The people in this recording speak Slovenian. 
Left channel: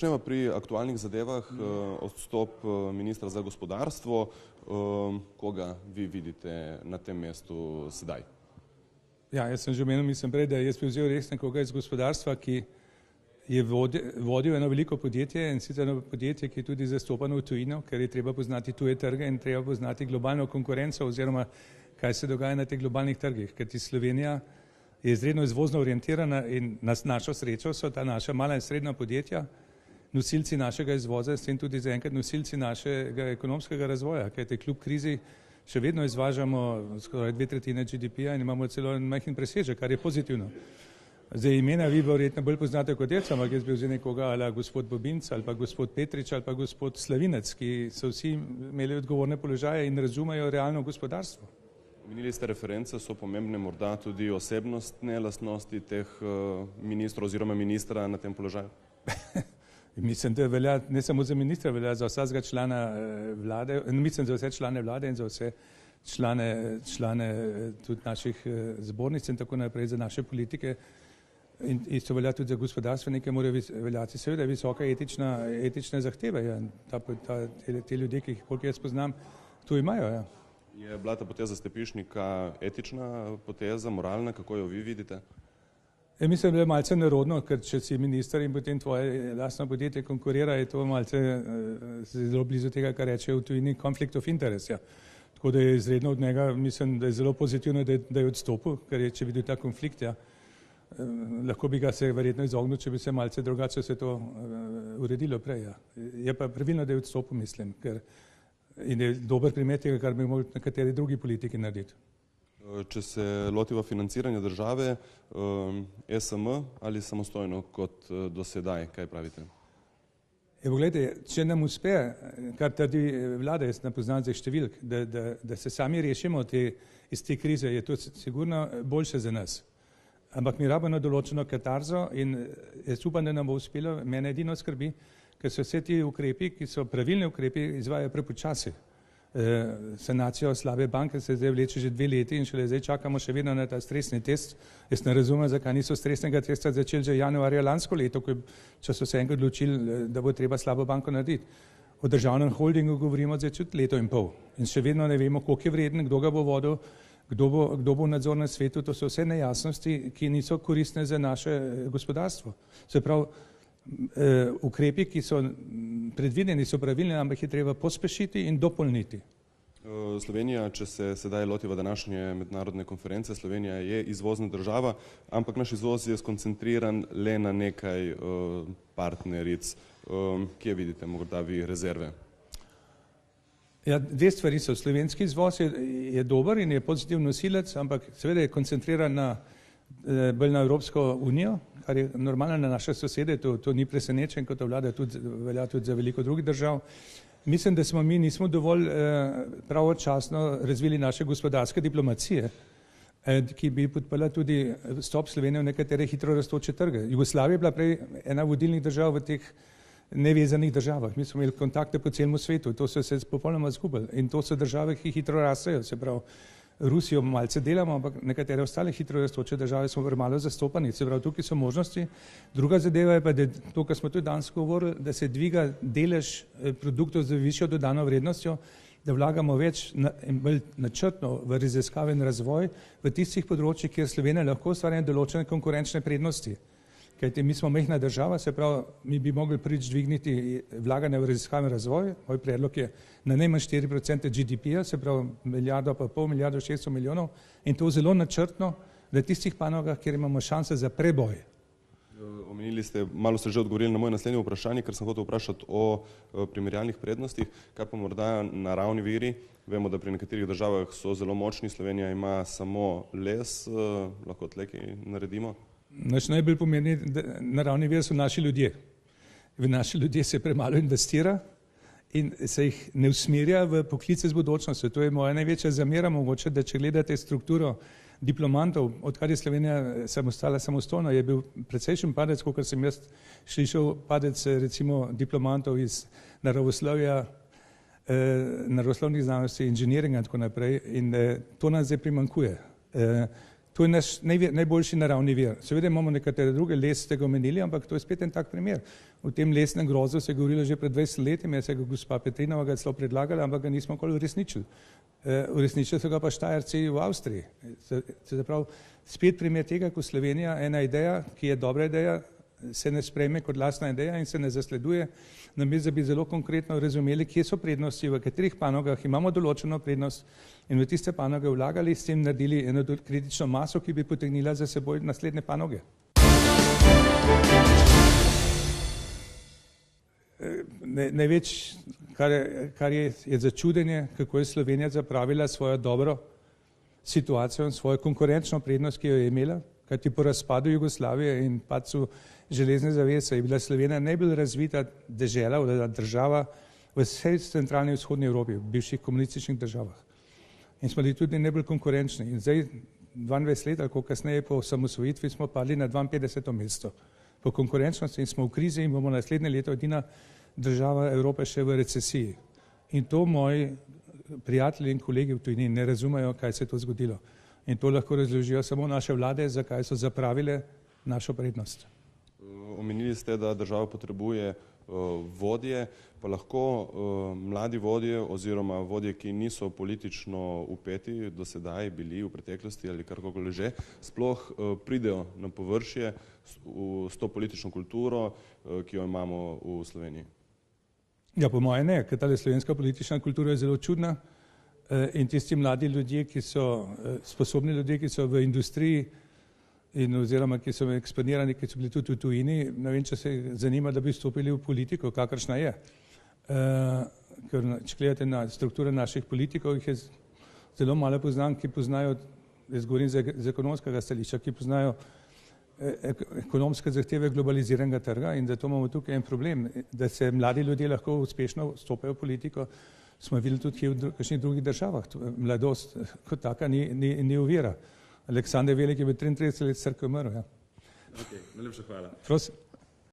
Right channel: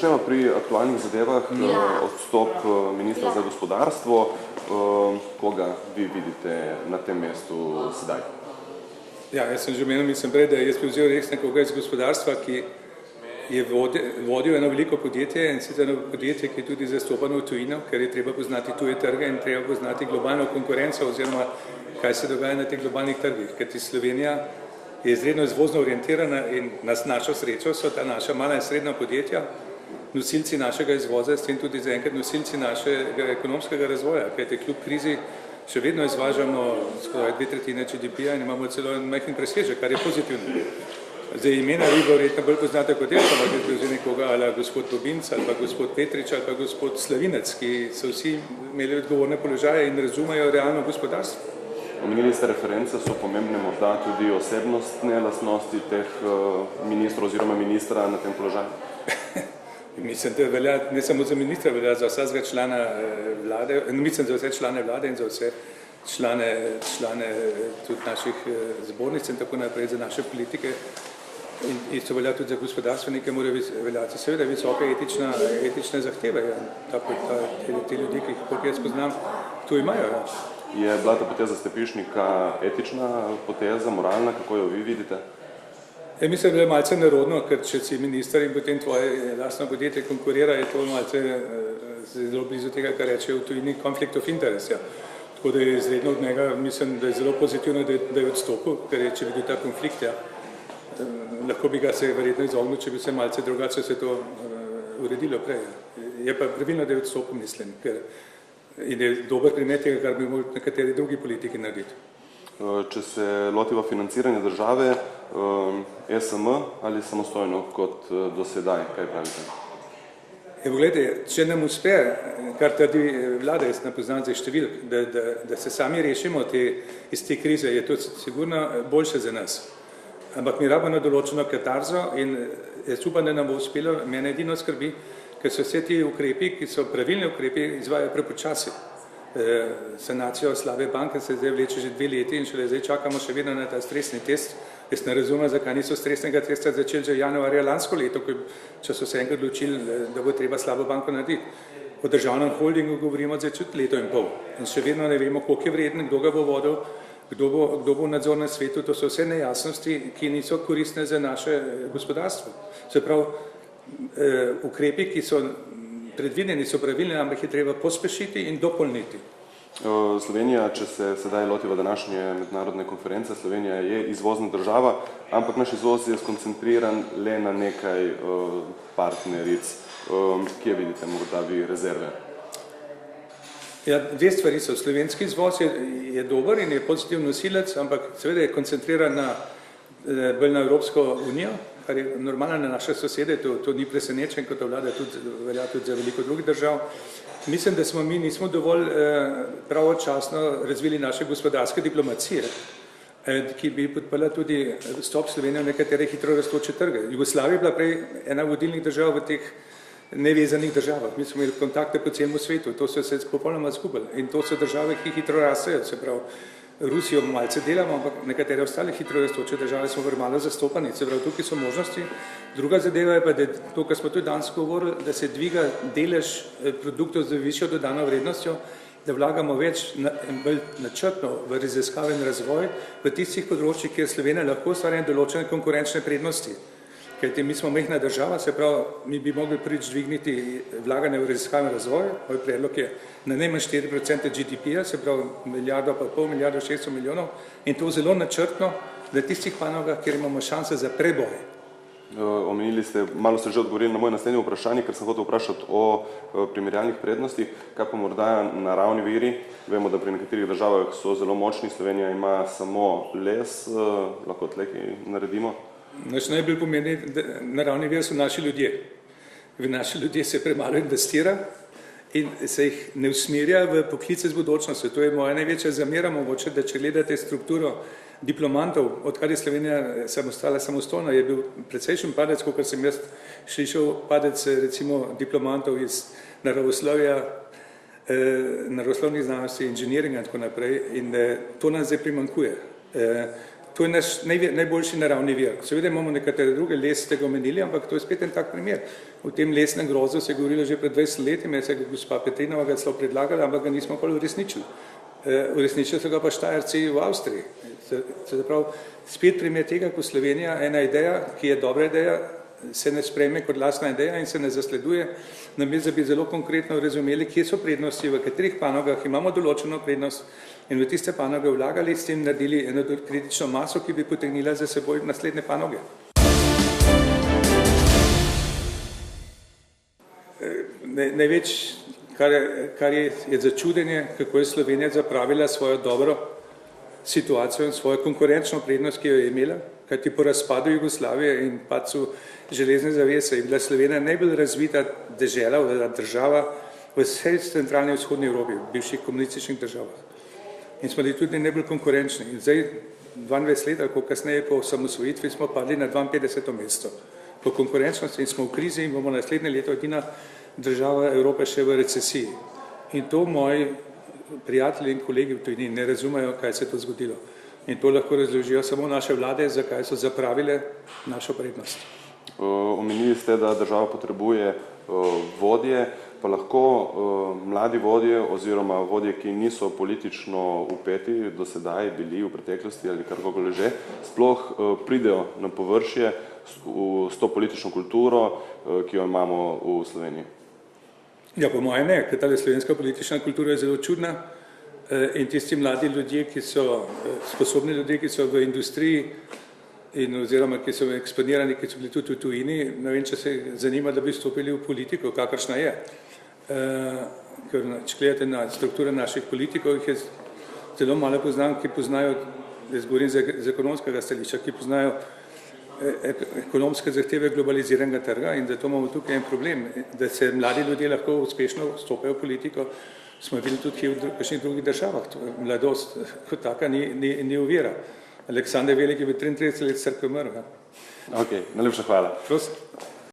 začnemo pri aktualnih zadevah. Odstop ministra za gospodarstvo. Koga vi vidite na tem mestu sedaj? Ja, jaz sem že omenil, mislim prej, da jaz bi vzel res nekoga iz gospodarstva, ki je vodil eno veliko podjetje in sicer eno podjetje, ki je tudi zastopano v tujino, ker je treba poznati tuje trge in treba poznati globalno konkurenco oziroma kaj se dogaja na teh globalnih trgih, ker Slovenija je izredno izvozno orientirana in na našo srečo so ta naša mala in srednja podjetja nosilci našega izvoza, s tem tudi zaenkrat nosilci našega ekonomskega razvoja, kajti kljub krizi še vedno izvažamo skoraj 2/3 GDP-ja in imamo celo en majhen presežek, kar je pozitivno. Zdaj imena vi verjetno bolj poznate kot jaz, ampak jaz bi vzel nekoga ali gospod Bobinc ali pa gospod Petrič ali pa gospod Slavinec, ki so vsi imeli odgovorne položaje in razumejo realno gospodarstvo. Omenili ste reference, so pomembne morda tudi osebnostne lastnosti teh ministrov oziroma ministra na tem položaju? Mislim, da velja ne samo za ministra, velja za vsakega člana vlade, mislim za vse člane vlade in za vse člane tudi naših zbornic in tako naprej, za naše politike. In isto velja tudi za gospodarstvenike, mora veljati seveda visoke etične zahteve. Te ljudi, ki jih jaz poznam, to imajo. Ja. Je bila ta poteza Stepišnika etična poteza, moralna, kako jo vi vidite? Ja, mislim, da je malce nerodno, ker če si minister in potem tvoje lastno podjetje konkurira, je to malce zelo blizu tega, kar reče v tujini conflict of interest. Ja. Tako da je izredno od njega, mislim, da je zelo pozitivno, da je odstopil, ker je, če bi bil ta konflikt, ja, lahko bi ga se verjetno izognil, če bi se malce drugače se to uredilo prej. Ja. Je pa pravilno, da je odstopil, mislim, ker in je dober primer tega, kar bi morali nekateri drugi politiki narediti. Če se lotiva financiranja države, SM ali samostojno kot do sedaj, kaj pravite? Evo, gledajte, če nam uspe, kar trdi vlada, jaz ne poznam zdaj številk, da se sami rešimo iz te krize, je to sigurno boljše za nas. Ampak mi rabimo določeno katarzo in jaz upam, da nam bo uspelo, mene edino skrbi, ker so vse ti ukrepi, ki so pravilni ukrepi, izvajajo prepočasi. Sanacijo slabe banke se zdaj vleče že 2 leti in šele zdaj čakamo še vedno na ta stresni test. Jaz ne razumem, zakaj niso stresnega testa začeli že januarja lansko leto, če so se enkrat odločili, da bo treba slabo banko narediti. O državnem holdingu govorimo zdaj čut 1,5 leta in še vedno ne vemo, koliko je vreden, kdo ga bo vodil, kdo bo v nadzornem svetu. To so vse nejasnosti, ki niso koristne za naše gospodarstvo. Se pravi, ukrepi, ki so predvideni, so pravilni, ampak je treba pospešiti in dopolniti. Slovenija, če se sedaj lotiva današnje mednarodne konference, Slovenija je izvozna država, ampak naš izvoz je skoncentriran le na nekaj partneric. Kje vidite morda vi rezerve? Ja, 2 stvari so. Slovenski izvoz je dober in je pozitivni nosilec, ampak seveda je koncentriran bolj na Evropsko unijo, kar je normalno na naše sosede, to ni presenečen, kot vlada velja tudi za veliko drugih držav. Mislim, da smo mi nismo dovolj pravočasno razvili naše gospodarske diplomacije, ki bi podprla tudi vstop Slovenije v nekatere hitro rastoče trge. Jugoslavija je bila prej ena vodilnih držav v teh nevezanih državah. Mi smo imeli kontakte po celem svetu, to so se popolnoma izgubili in to so države, ki hitro rastejo, se pravi, Rusijo malce delamo, ampak nekatere ostale hitro rastoče države smo premalo zastopani, se pravi, tukaj so možnosti. Druga zadeva je pa, da to, kar smo tudi danes govorili, da se dviga delež produktov z višjo dodano vrednostjo, da vlagamo več bolj načrtno v raziskave in razvoj v tistih področjih, kjer Slovenija lahko ustvarja določene konkurenčne prednosti. Kajti mi smo majhna država, se pravi, mi bi mogli prvič dvigniti vlaganje v raziskave in razvoj. Moj predlog je na najmanj 4% GDP-ja, se pravi 1,5 milijarde, 1,5 milijarde 600 milijonov in to zelo načrtno na tistih panogah, kjer imamo šanse za preboj. Omenili ste, malo ste že odgovorili na moje naslednje vprašanje, ker sem hotel vprašati o primerjalnih prednostih, kaj pa morda naravni viri. Vemo, da pri nekaterih državah so zelo močni, Slovenija ima samo les, lahko tleki naredimo. Naš najbolj pomeni naravni vir so naši ljudje. V naši ljudje se premalo investira in se jih ne usmerja v poklice z budućnostjo. To je moja največja zamera mogoče, da če gledate strukturo diplomantov, odkar je Slovenija samostojna, je bil precejšen padec, kot sem jaz slišal, padec recimo diplomantov iz naravoslovja, naravoslovnih znanosti, inženiringa in tako naprej in to nas zdaj primanjkuje. To je naš najboljši naravni vir. Seveda imamo nekatere druge, les ste ga omenili, ampak to je spet en tak primer. O tem lesnem grozu se je govorilo že pred 20 leti, me je gospa Petrinova ga celo predlagala, ampak ga nismo nikoli uresničili. Uresničili so ga pa Štajerci v Avstriji. Se pravi, spet primer tega, ko Slovenija, ena ideja, ki je dobra ideja, se ne sprejme kot lastna ideja in se ne zasleduje, namesto da bi zelo konkretno razumeli, kje so prednosti, v katerih panogah imamo določeno prednost in v tiste panoge vlagali, s tem naredili eno kritično maso, ki bi potegnila za seboj naslednje panoge. Največ, kar je začudenje, kako je Slovenija zapravila svojo dobro situacijo in svojo konkurenčno prednost, ki jo je imela, kajti po razpadu Jugoslavije in padcu železne zavese je bila Slovenija najbolj razvita dežela, država v vsej centralni in vzhodni Evropi, v bivših komunističnih državah. In smo bili tudi najbolj konkurenčni. In zdaj, 22 let, ali kasneje po osamosvojitvi, smo padli na 52. mesto po konkurenčnosti in smo v krizi in bomo naslednje leto edina država Evrope še v recesiji. In to moji prijatelji in kolegi v tujini ne razumejo, kaj se je to zgodilo. In to lahko razložijo samo naše vlade, zakaj so zapravile našo prednost. Omenili ste, da država potrebuje vodje, pa lahko mladi vodje oziroma vodje, ki niso politično upeti, do sedaj bili v preteklosti ali karkoli že, sploh pridejo na površje s to politično kulturo, ki jo imamo v Sloveniji. Ja, po mojem ne, ker ta slovenska politična kultura je zelo čudna in tisti mladi ljudje, ki so sposobni ljudje, ki so v industriji in oziroma ki so eksponirani, ki so bili tudi v tujini, ne vem, če se zanima, da bi vstopili v politiko, kakršna je. Ker če gledate na strukture naših politikov, jih je zelo malo poznam, ki poznajo, jaz govorim z ekonomskega stališča, ki poznajo ekonomske zahteve globaliziranega trga in zato imamo tukaj en problem, da se mladi ljudje lahko uspešno vstopajo v politiko, smo videli tudi v kakšnih drugih državah. Mladost kot taka ni ovira. Aleksander Veliki je bil 33 let star, ko je umrl. Ok, najlepša hvala. Prosim.